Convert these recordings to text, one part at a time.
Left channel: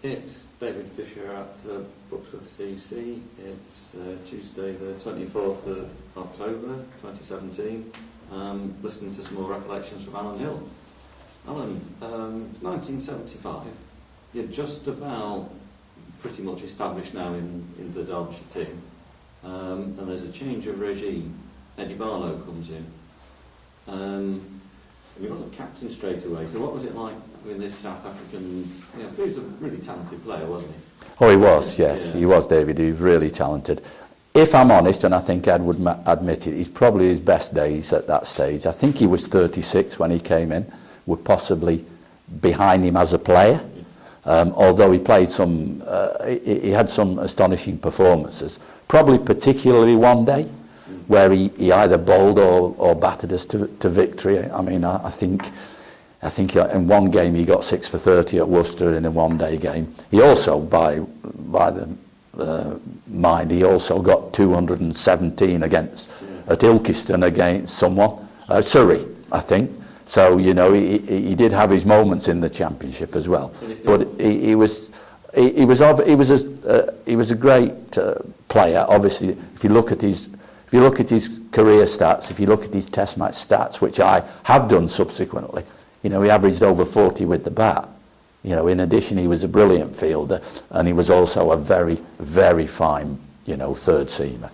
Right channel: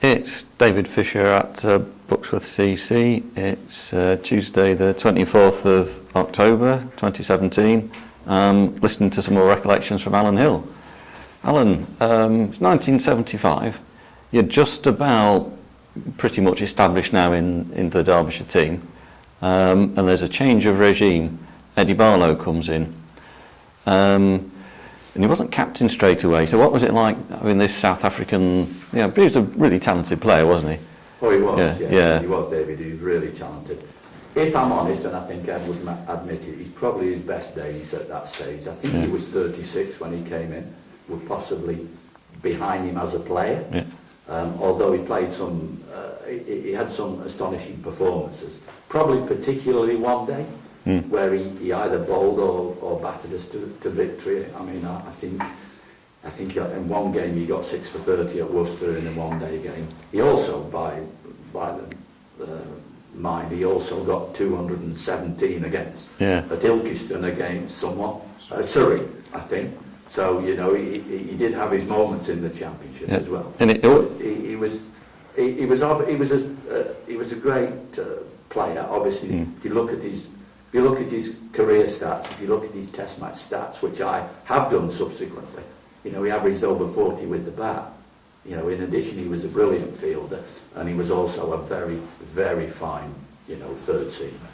It's David Fisher at Buxworth CC. It's Tuesday the 24th of October 2017. Listening to some more recollections from Alan Hill. Alan, it's 1975. You're just about pretty much established now in the Derbyshire team. And there's a change of regime. Eddie Barlow comes in. And he wasn't captain straight away, so what was it like having this South African, he was a really talented player, wasn't he? Oh, he was, yes. He was, David. He was really talented. If I'm honest, and I think Ed would admit it, he's probably his best days at that stage. I think he was 36 when he came in. We're possibly behind him as a player. Although he played some, he had some astonishing performances, probably particularly one day, where he either bowled or battered us to victory. I mean, I think in one game he got 6 for 30 at Worcester in a one-day game. He also, by the mind, he also got 217 against at Ilkeston against someone, Surrey, I think. So he did have his moments in the championship as well. And but he was a great player. Obviously, if you look at his career stats, if you look at his Test match stats, which I have done subsequently, he averaged over 40 with the bat. In addition, he was a brilliant fielder, and he was also a very, very fine, third seamer,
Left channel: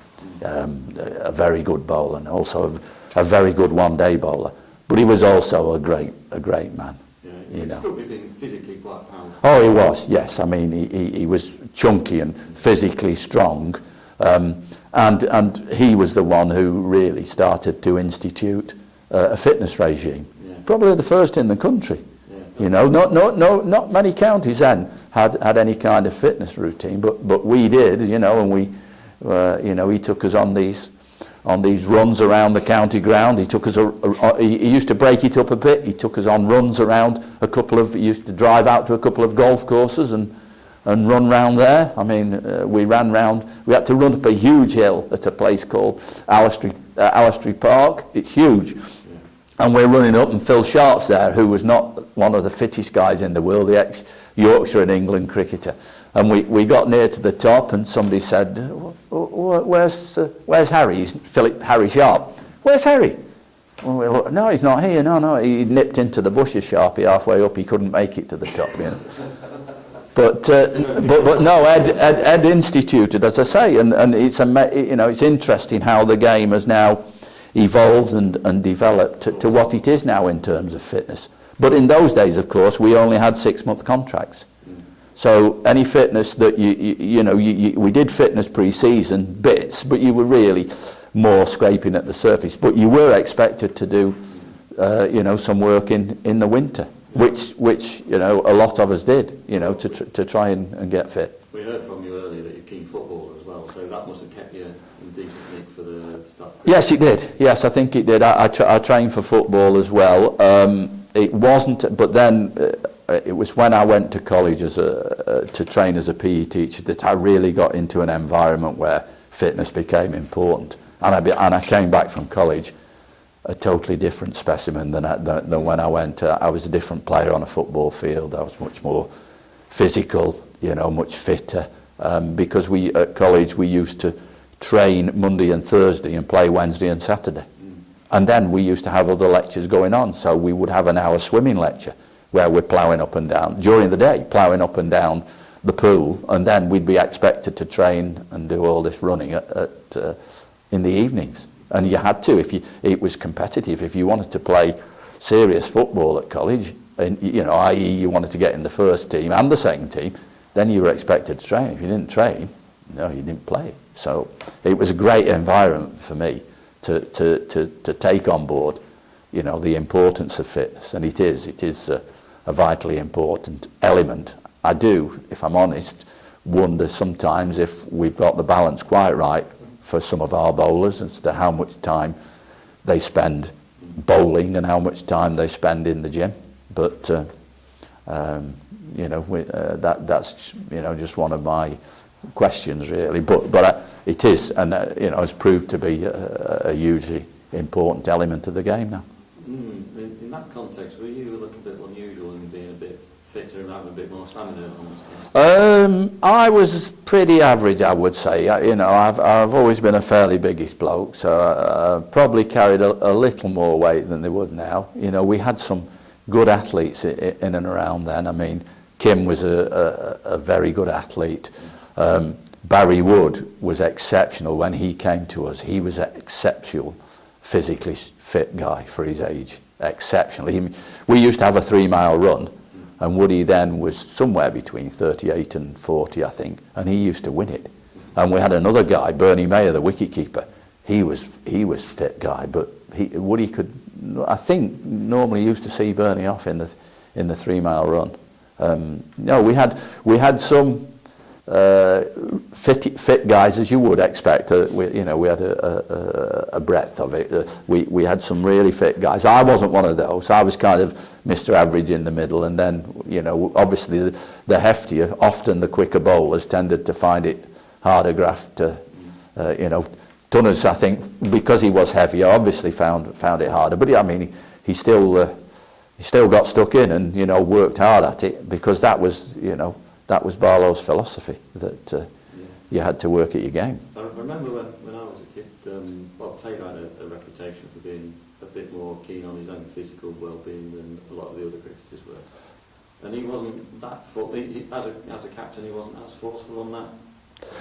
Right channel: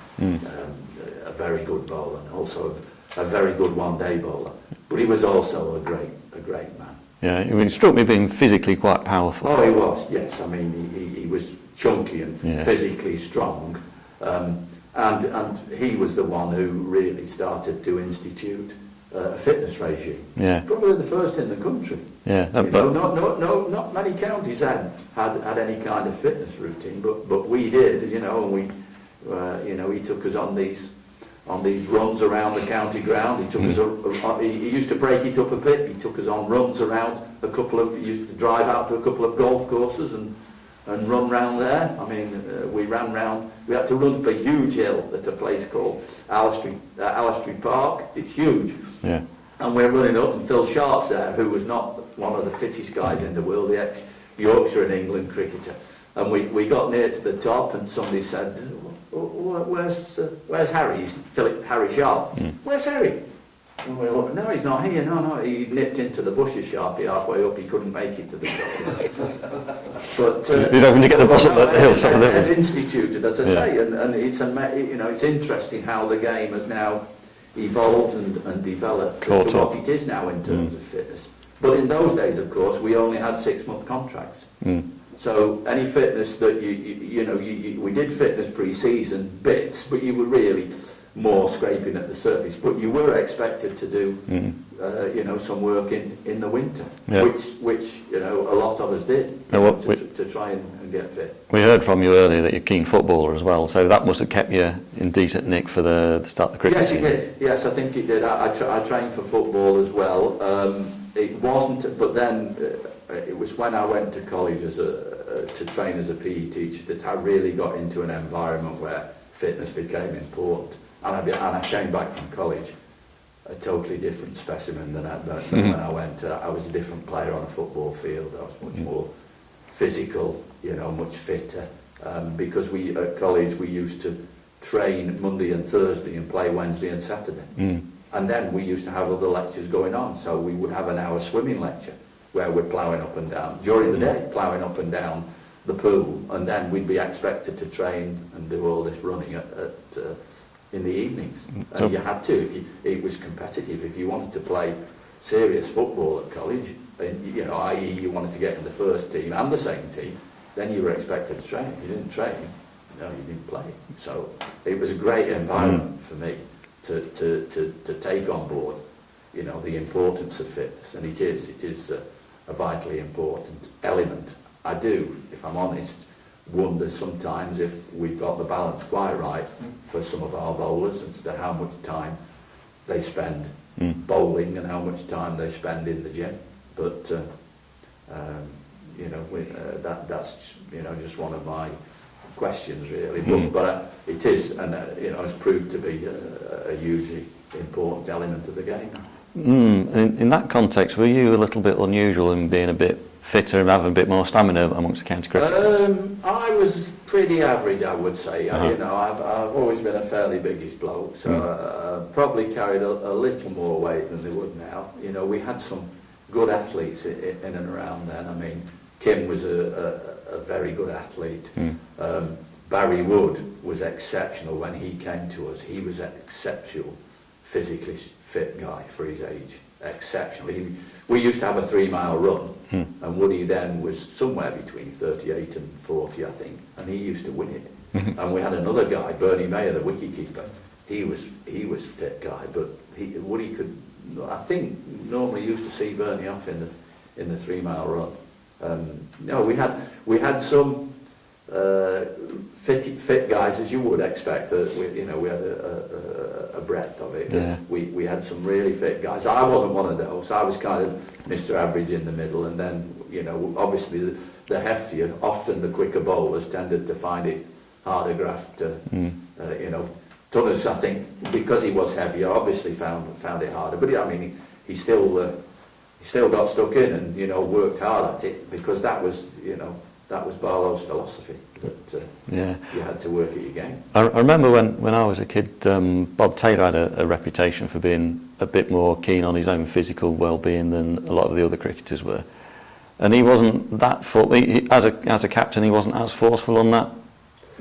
a very good bowler, and also a very good one-day bowler. But he was also a great man. Yeah, it struck me being physically quite powerful. Oh, he was, yes. I mean, he was chunky and physically strong. And he was the one who really started to institute a fitness regime. Probably the first in the country. Not many counties then had any kind of fitness routine, but we did. And we, he took us on these runs around the county ground. He took us. He used to break it up a bit. He took us on runs around he used to drive out to a couple of golf courses and run round there. I mean, we ran round. We had to run up a huge hill at a place called Allestree Park. It's huge. And we're running up, and Phil Sharp's there, who was not one of the fittest guys in the world, the ex-Yorkshire and England cricketer. And we got near to the top, and somebody said, "Where's Harry?" He's Harry Sharp. "Where's Harry?" Well, no, he's not here. No, he nipped into the bushes, Sharpie, halfway up. He couldn't make it to the top. But he's hoping to get the bus. Ed instituted, as I say, and it's interesting how the game has now evolved and developed to what it is now in terms of fitness. But in those days, of course, we only had 6-month contracts. So any fitness that we did fitness pre-season bits, but you were really more scraping at the surface. But you were expected to do, some work in the winter, which a lot of us did, to try and get fit. We heard from you earlier that you're a keen footballer as well, so that must have kept you in decent nick for the start of the cricket. Yes, it did. Yes, I think it did. I trained for football as well. It wasn't, but then it was when I went to college to train as a PE teacher that I really got into an environment where fitness became important. And I came back from college a totally different specimen than when I went. I was a different player on a football field. I was much more physical, much fitter. Because at college we used to train Monday and Thursday and play Wednesday and Saturday. And then we used to have other lectures going on. So we would have an hour swimming lecture where we're ploughing up and down, during the day, ploughing up and down the pool. And then we'd be expected to train and do all this running in the evenings. And you had to, it was competitive. If you wanted to play serious football at college, and i.e. you wanted to get in the first team and the second team, then you were expected to train. If you didn't train, you didn't play. So it was a great environment for me to take on board, the importance of fitness, and it is a vitally important element. I do, if I'm honest, wonder sometimes if we've got the balance quite right for some of our bowlers as to how much time they spend bowling and how much time they spend in the gym. But that's just one of my questions, really. But it is, and it's proved to be a hugely important element of the game now. In that context, were you a little bit unusual in being a bit fitter and have a bit more stamina amongst the county cricketers? I was pretty average, I would say. Uh-huh. You know, I've always been a fairly biggish bloke, so I probably carried a little more weight than they would now. You know, we had some good athletes in and around then. I mean, Kim was a very good athlete. Barry Wood was exceptional when he came to us. He was an exceptional, physically fit guy for his age. Exceptional. We used to have a 3-mile run, and Woody then was somewhere between 38 and 40, I think, and he used to win it. And we had another guy, Bernie Mayer, the wicketkeeper. He was fit guy, but Woody could. I think normally used to see Bernie off in the 3-mile run. No, we had some fit guys, as you would expect. We had a breadth of it. Yeah. We had some really fit guys. I wasn't one of those. I was kind of Mr. Average in the middle, and then, you know, obviously the heftier, often the quicker bowlers tended to find it harder graft to, you know. Tunners, I think, because he was heavier, obviously found it harder. But I mean, he still got stuck in and, you know, worked hard at it, because that was, you know, that was Barlow's philosophy, that you had to work at your game. I remember when I was a kid, Bob Taylor had a reputation for being a bit more keen on his own physical well-being than a lot of the other cricketers were, and he wasn't that as a captain, he wasn't as forceful on that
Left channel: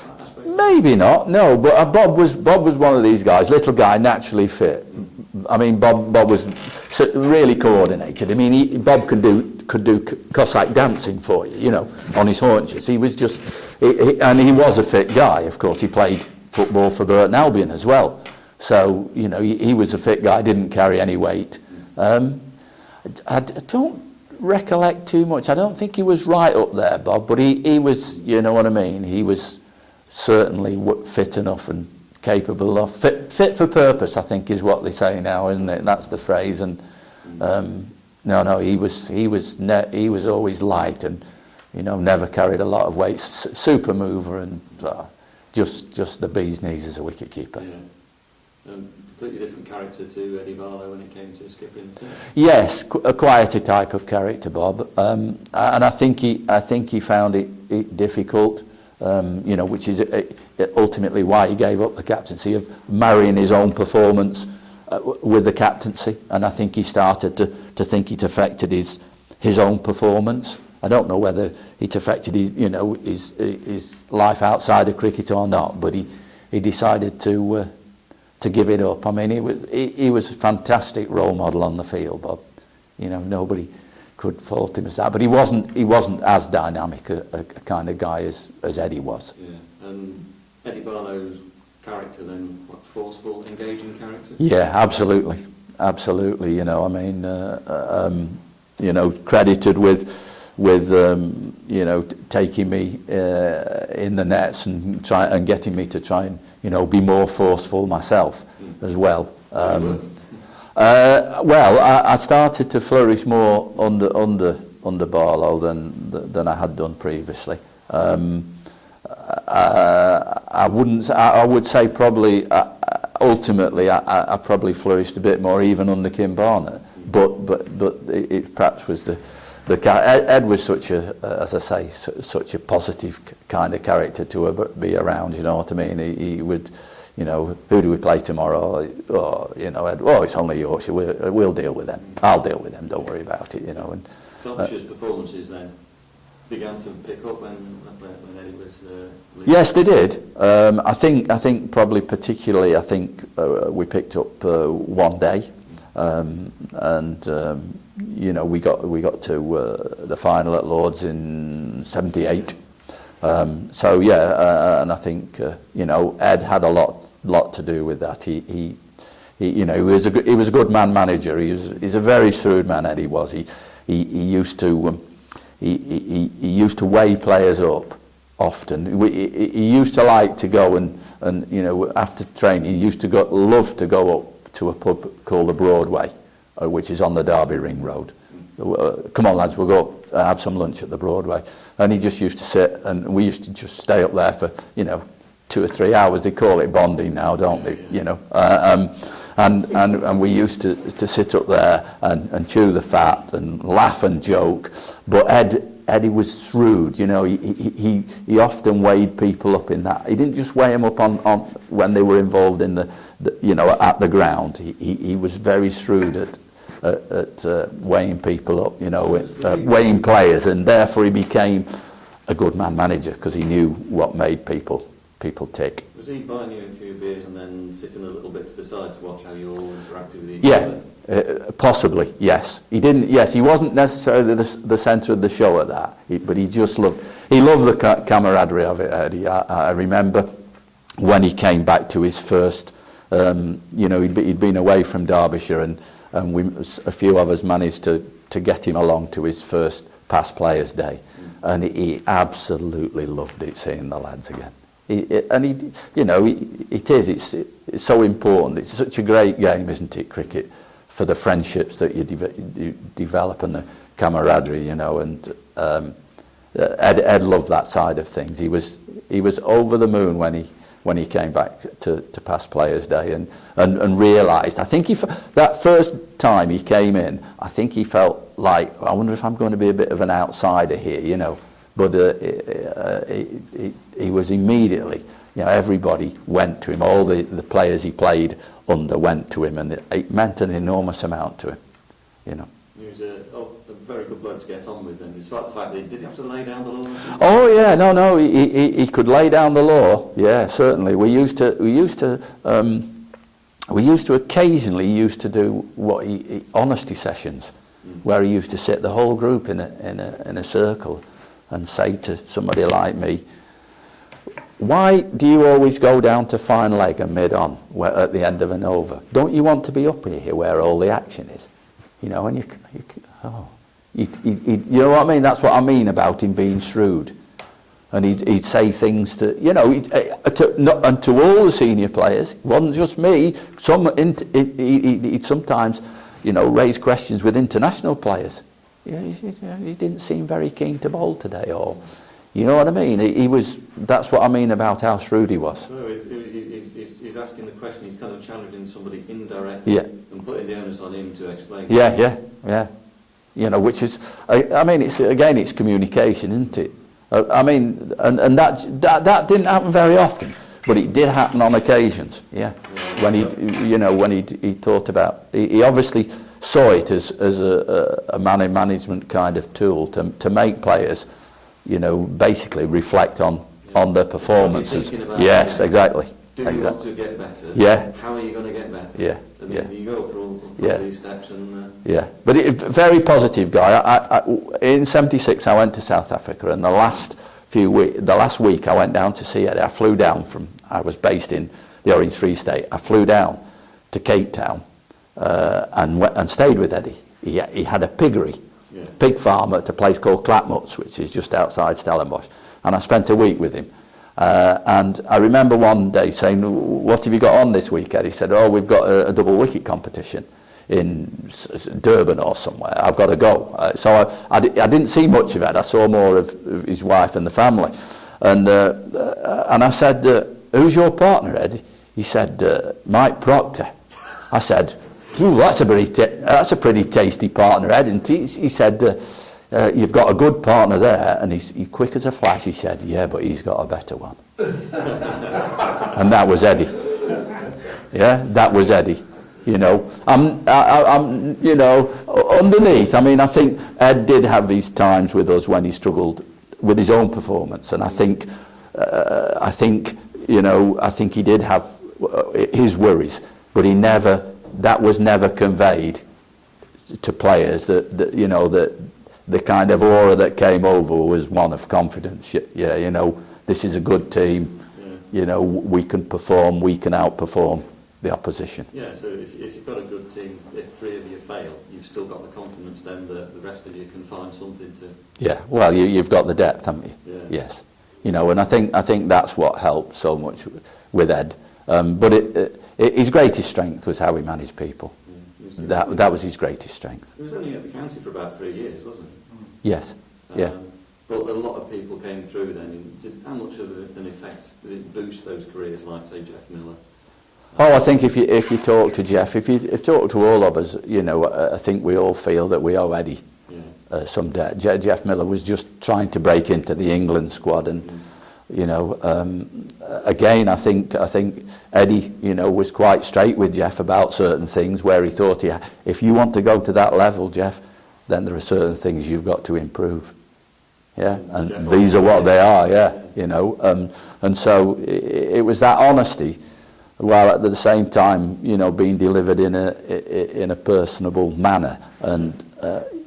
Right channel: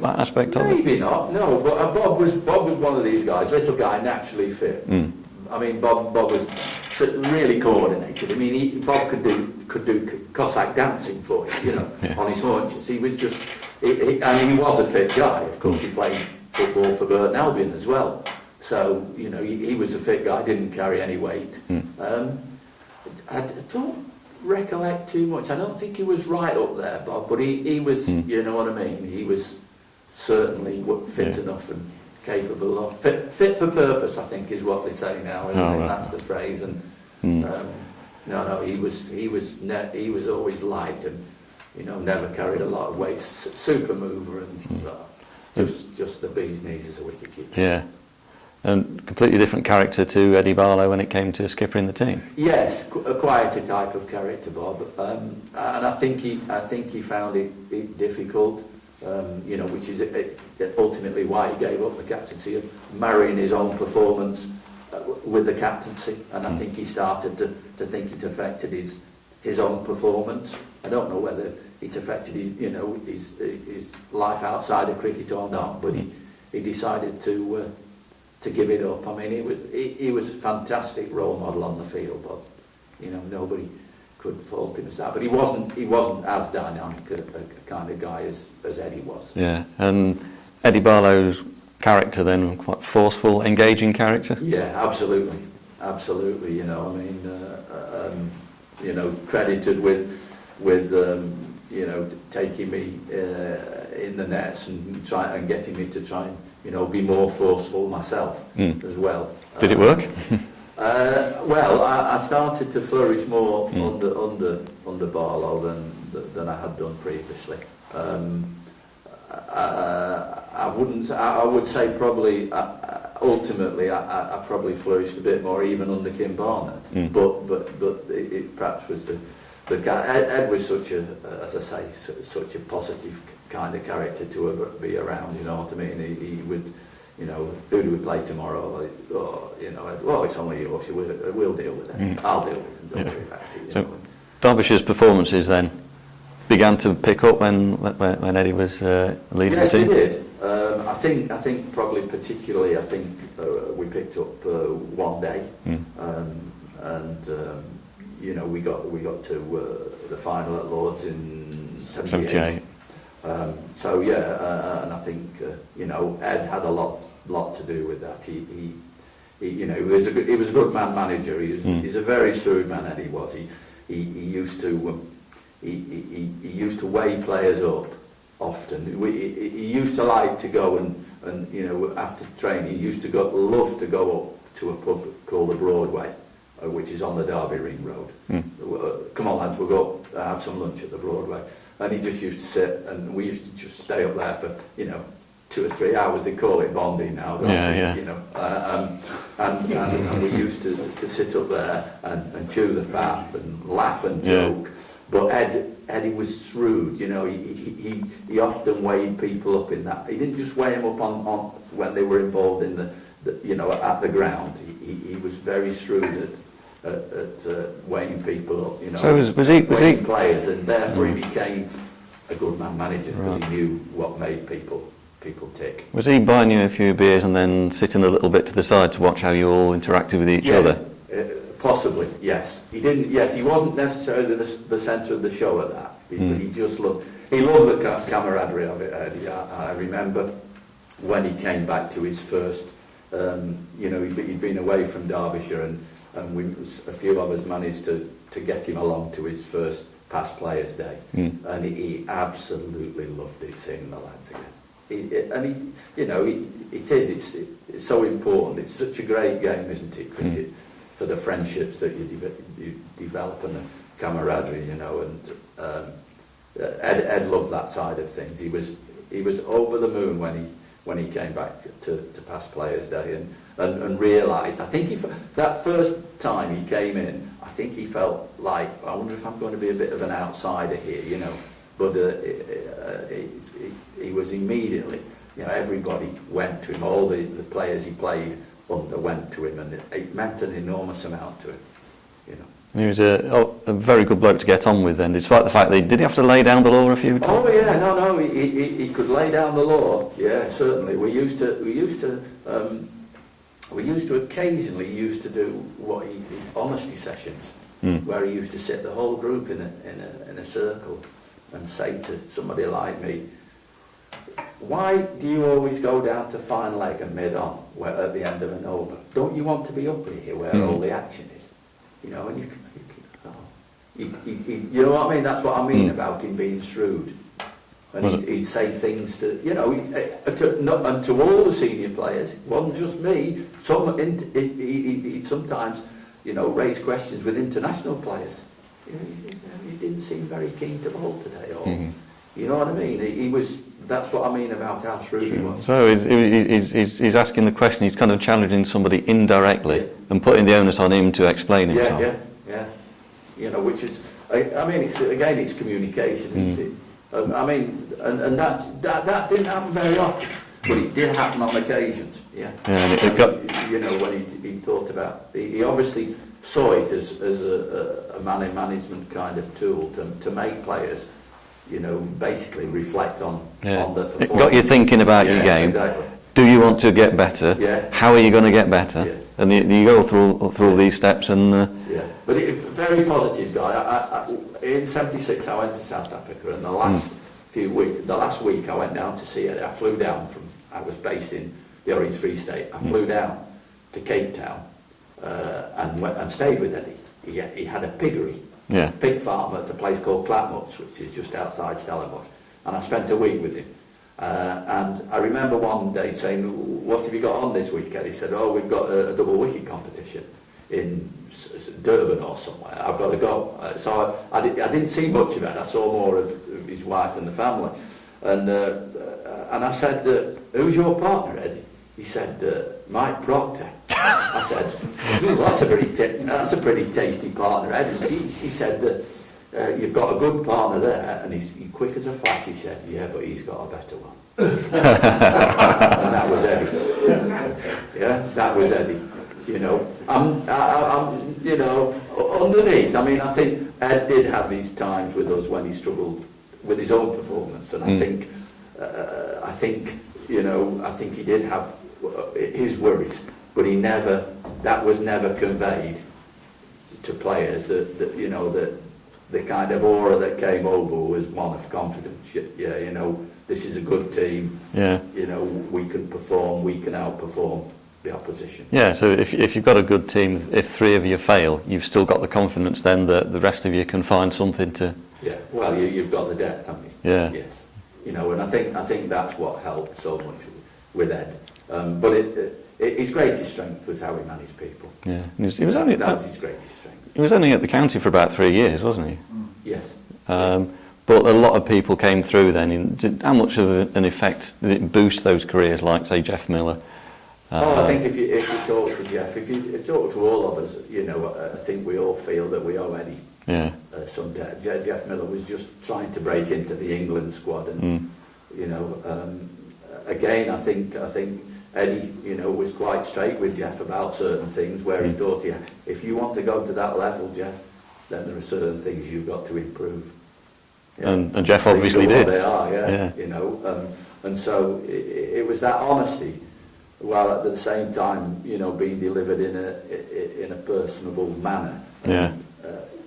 aspect of it. Maybe not, no, but Bob was one of these guys, little guy, naturally fit. I mean, Bob was really coordinated. I mean, Bob could do Cossack dancing for you, you know, on his haunches. He was just, and he was a fit guy. Of course, he played football for Burton Albion as well. So, you know, he was a fit guy, didn't carry any weight. I don't recollect too much. I don't think he was right up there, Bob, but he was, you know what I mean? He was certainly fit enough and capable of fit for purpose, I think is what they say now, isn't it? Right. That's the phrase. And no, he was always light and, you know, never carried a lot of weight. Super mover and just the bee's knees as a wicketkeeper. Yeah, and completely different character to Eddie Barlow when it came to skippering the team. Yes, a quieter type of character, Bob, and I think he found it difficult. You know, which is ultimately why he gave up the captaincy, of marrying his own performance with the captaincy, and I think he started to think it affected his own performance. I don't know whether it affected his life outside of cricket or not, but he decided to give it up. I mean, he was a fantastic role model on the field, Bob. You know, nobody could fault him as that, but he wasn't as dynamic a kind of guy as Eddie was. Yeah, and Eddie Barlow's character then, quite forceful, engaging character. Yeah, absolutely. You know, I mean, you know, credited with you know, taking me in the nets and getting me to try and, you know, be more forceful myself as well. Did it work? Well, I started to flourish more under Barlow than I had done previously. I would say probably ultimately I probably flourished a bit more even under Kim Barner, but it perhaps was the Ed was such a, as I say, such a positive kind of character to be around. You know what I mean? He would, you know, who do we play tomorrow? Or you know, it's only Yorkshire. We'll deal with them. I'll deal with them. Don't worry about it. You know. And, Derbyshire's performances then began to pick up when Eddie was leading. Yes, the they team. did. I think probably particularly. I think we picked up one day, and you know, we got to the final at Lords in '78. So yeah, and I think you know, Ed had a lot to do with that. He you know, he was a good man manager. He's a very shrewd man. Eddie was. He used to he used to weigh players up often. He used to like to go and you know, after training, he used to love to go up to a pub called the Broadway, which is on the Derby Ring Road. Come on, lads, we'll go have some lunch at the Broadway. And he just used to sit, and we used to just stay up there for, you know, 2 or 3 hours. They call it bonding now, don't they? Yeah. You know, And we used to sit up there and chew the fat and laugh and joke. But Eddie was shrewd, you know. He often weighed people up in that. He didn't just weigh them up on when they were involved in the you know, at the ground. He was very shrewd at weighing people up, you know, So weighing players, and therefore he became a good man manager because he knew what made people tick. Was he buying you a few beers and then sitting a little bit to the side to watch how you all interacted with each other? Possibly, yes. He didn't. Yes, he wasn't necessarily the centre of the show at that, but he just loved. He loved the camaraderie of it, Eddie. I remember when he came back to his first. You know, he'd been away from Derbyshire, and a few of us managed to get him along to his first past players' day, and he absolutely loved it, seeing the lads again. It's so important. It's such a great game, isn't it, cricket, for the friendships that you develop and the camaraderie, you know. And Ed loved that side of things. He was over the moon when he came back to past players' day and realised. I think that first time he came in, I think he felt like, I wonder if I'm going to be a bit of an outsider here, you know. But he was immediately, you know, everybody went to him. All the players he played under went to him, and it meant an enormous amount to him, you know. He was a very good bloke to get on with then, despite the fact that did he have to lay down the law a few times? Oh yeah, no, he could lay down the law. Yeah, certainly. We used to occasionally do what honesty sessions, where he used to sit the whole group in a circle and say to somebody like me, why do you always go down to fine leg and mid-on at the end of an over? Don't you want to be up here where all the action is? You know, and you know what I mean? That's what I mean about him being shrewd. And he'd say things to, you know, and to all the senior players. It wasn't just me. He'd sometimes, you know, raise questions with international players. He didn't seem very keen to bowl today, or you know what I mean? That's what I mean about how shrewd he was. So he's asking the question. He's kind of challenging somebody indirectly and putting the onus on him to explain it. Yeah. You know, which is, I mean, it's communication, isn't it? I mean, and that didn't happen very often, but it did happen on occasions. When he thought about, he obviously saw it as a man in management kind of tool to make players, you know, basically reflect on their performance. Got you thinking about your game. Yes, exactly. Do you want to get better? Yeah. How are you going to get better? Yeah. And you go through these steps and... But very positive guy. In '76 I went to South Africa, and the last week I went down to see Eddie. I flew down I was based in the Orange Free State. I flew down to Cape Town and stayed with Eddie. He had a piggery. Pig farm at a place called Clapmuts, which is just outside Stellenbosch, and I spent a week with him. And I remember one day saying, what have you got on this week, Ed? He said, we've got a double wicket competition in Durban or somewhere. I've got to go. So I didn't see much of Ed. I saw more of his wife and the family. And I said, who's your partner, Ed? He said, Mike Proctor. I said, that's a pretty tasty partner, Ed. And he said, you've got a good partner there. And he's quick as a flash. He said, yeah, but he's got a better one. And that was Eddie. Yeah, that was Eddie. You know, I'm you know, underneath. I mean, I think Ed did have these times with us when he struggled with his own performance, and I think you know, I think he did have his worries, but that was never conveyed to players. That you know, that the kind of aura that came over was one of confidence. Yeah, you know, this is a good team. Yeah, you know, we can perform, we can outperform the opposition. Yeah, so if you've got a good team, if three of you fail, you've still got the confidence then that the rest of you can find something to... Yeah, well, you've got the depth, haven't you? Yeah. Yes. You know, and I think that's what helped so much with Ed. But his greatest strength was how he managed people. Yeah. That was his greatest strength. He was only at the county for about 3 years, wasn't he? Yes. But a lot of people came through then. How much of an effect did it boost those careers, like, say, Jeff Miller? I think if you talk to Jeff, if you talk to all of us, you know, I think we all feel that we owe Eddie some debt. Jeff Miller was just trying to break into the England squad, and you know, again, I think Eddie, you know, was quite straight with Jeff about certain things where he thought, if you want to go to that level, Jeff, then there are certain things you've got to improve. Yeah, and Jeff these are what did. they are. You know, and so it was that honesty, while at the same time, you know, being delivered in a personable manner, and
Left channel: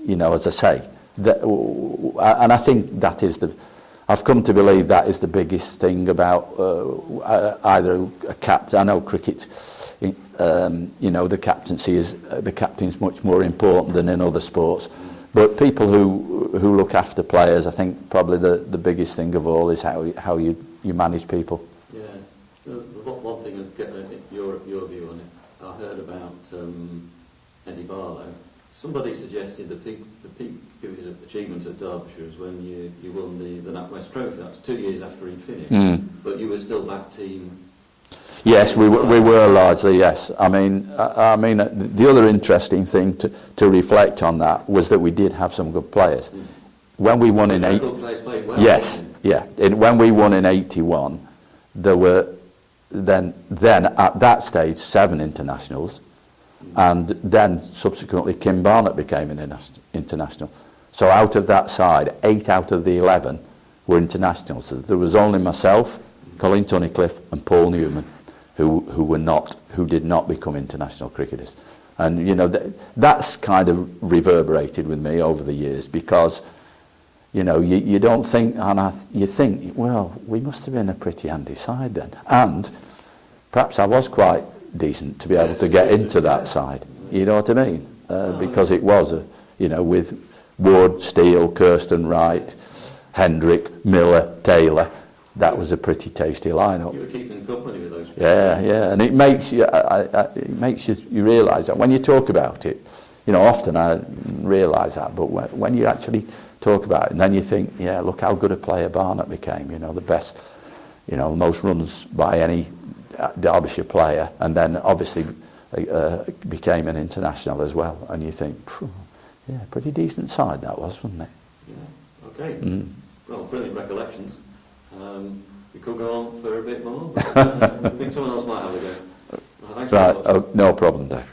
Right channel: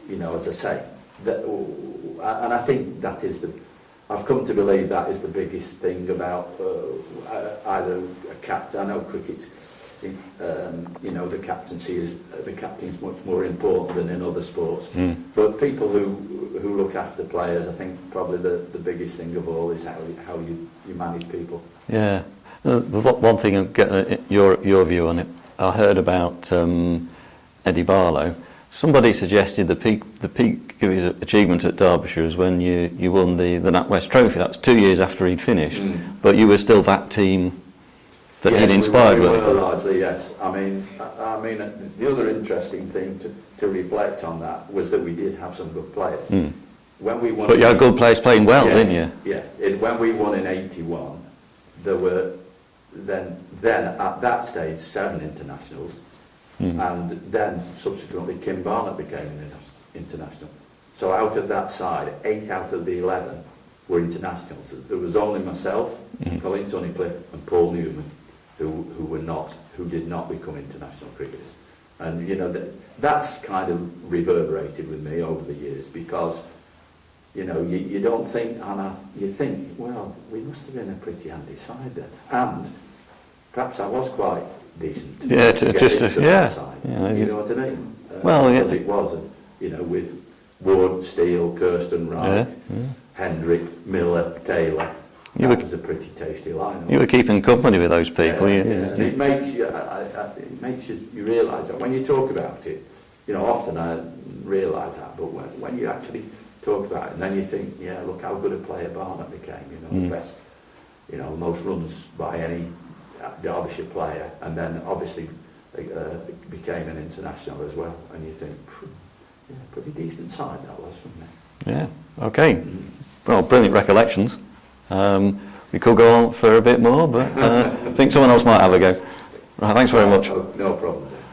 you know, as I say, that, and I think that is I've come to believe that is the biggest thing about either a captain. I know cricket, you know, the captain's much more important than in other sports. But people who look after players, I think probably the biggest thing of all is how you manage people. Yeah. The one thing, I'll get your view on it. I heard about Eddie Barlow. Somebody suggested the peak of his achievement at Derbyshire was when you won the NatWest Trophy. That was 2 years after he'd finished, but you were still that team. That yes, we were largely, yes. I mean, the other interesting thing to reflect on that was that we did have some good players. When we won, but you had good players playing well, yes, didn't you? Yeah. When we won in '81, there were then at that stage 7 internationals. And then subsequently Kim Barnett became an international. So out of that side, 8 out of the 11 were internationals. So there was only myself, Colin Tunnicliffe and Paul Newman who did not become international cricketers. And you know, that's kind of reverberated with me over the years, because you know, you don't think, you think, well, we must have been a pretty handy side then. And perhaps I was quite decent to be able to get into that side. Yeah, you know what I mean? Because it was, you know, with Wood, Steele, Kirsten Wright, Hendrick, Miller, Taylor. That was a pretty tasty lineup. You were keeping company with those people. Yeah, and it makes you, you realise that when you talk about it. You know, often I realise that, but when you actually talk about it, and then you think, yeah, look how good a player Barnett became. You know, the best, you know, most runs by any Derbyshire player, and then obviously became an international as well. And you think, yeah, pretty decent side that was, wasn't it? Yeah. Okay. Well, brilliant recollections. We could go on for a bit more, but I think someone else might have a go. Right, thanks very much. No problem there.